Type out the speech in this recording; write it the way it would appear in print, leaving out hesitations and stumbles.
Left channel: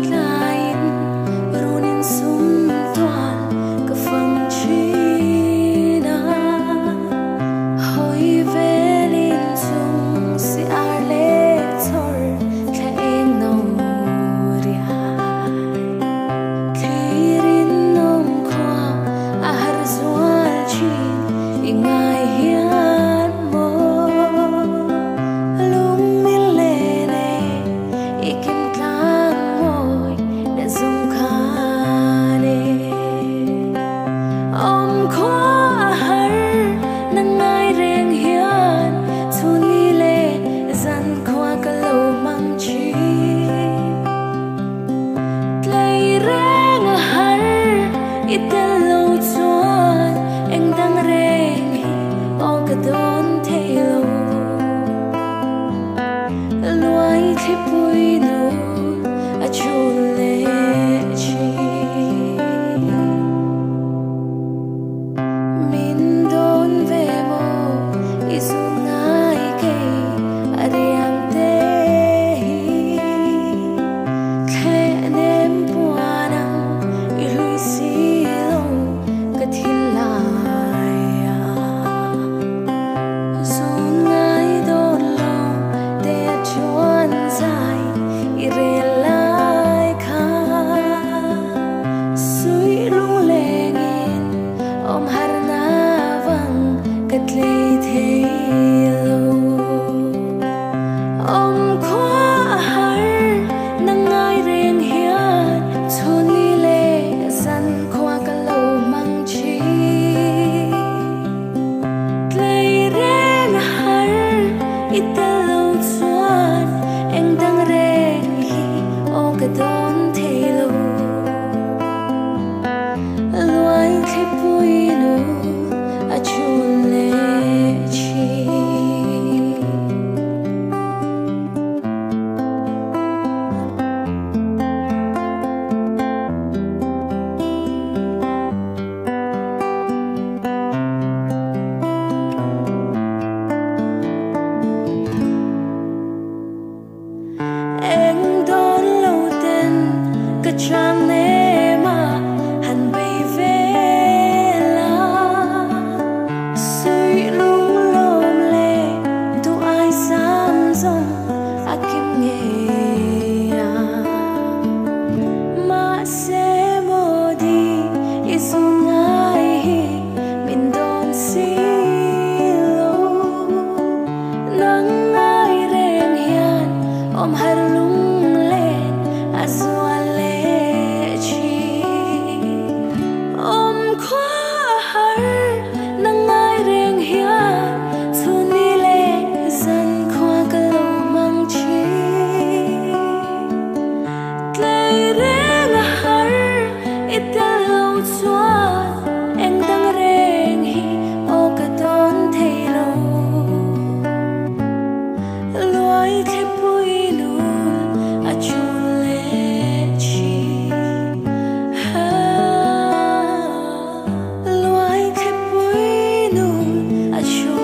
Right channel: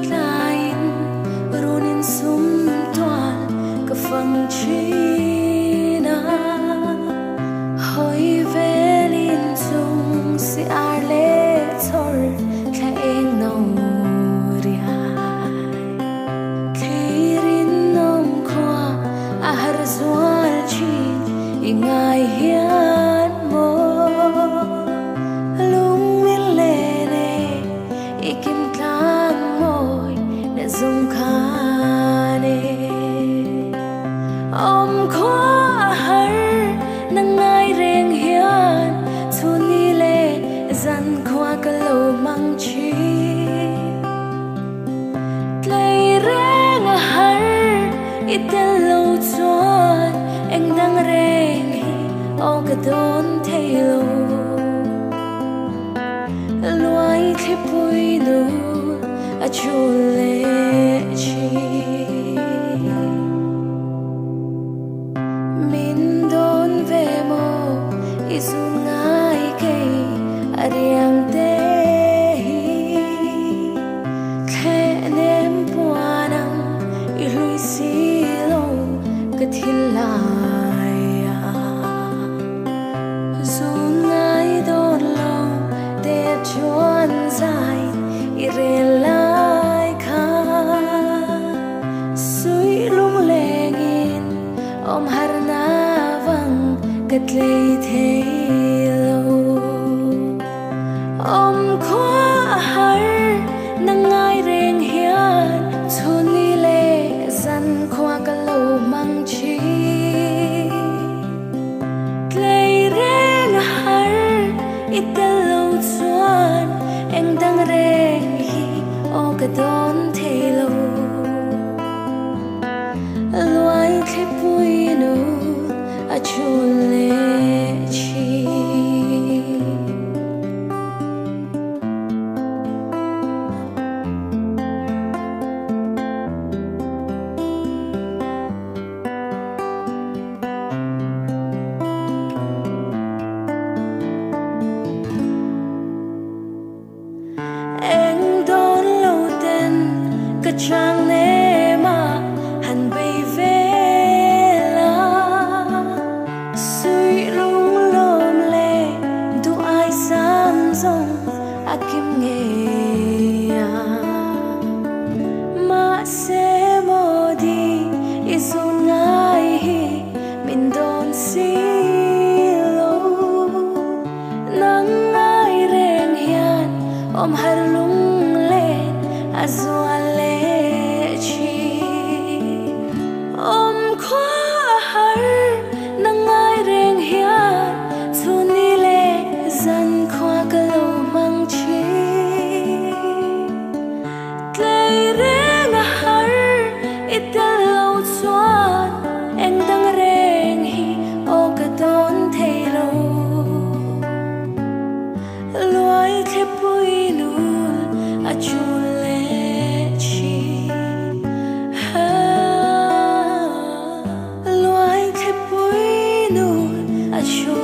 lain runin sum toal ka phang china hoi velin chung si arle chor tha eng no riai khirin nom khwa ahar zual chin ingai hian mo lung min le ne ikim tlang moi na zong khane om khwa har nangai reng hian chuni le zan khwa ka lo mang chi tlei reng har itel lo chuan eng dang reng hi o ka don thelo luai thi pui nu a chu le chi min don ve mo izun ngai ke ariang te hi khe nem puanang I lui si lo ka thilai zun ngai don lo de chuan zai I re lai kha sui lung lengin om har na vang kat lei thei lo om khwa har nangai reng hian chuni le zan khwa ka lo mang chi tlei reng har itel lo chuan eng dang reng hi o ka don thelo luai thi pui nu a chu le chi eng don lo ten ka chang ne ma han bei ve la sui lung lom le du ai sam zong akim nge ma se mo di izun ngai hi min don si lo nang ngai reng hian om har lung len azwa le chi om khwa har nangai reng hian chuni le zan khwa ka lo mang chi tlei reng har itel lo chuan eng dang reng hi o ka don thei lo luai thi pui nu a chu le chi luai thi pui nu a chu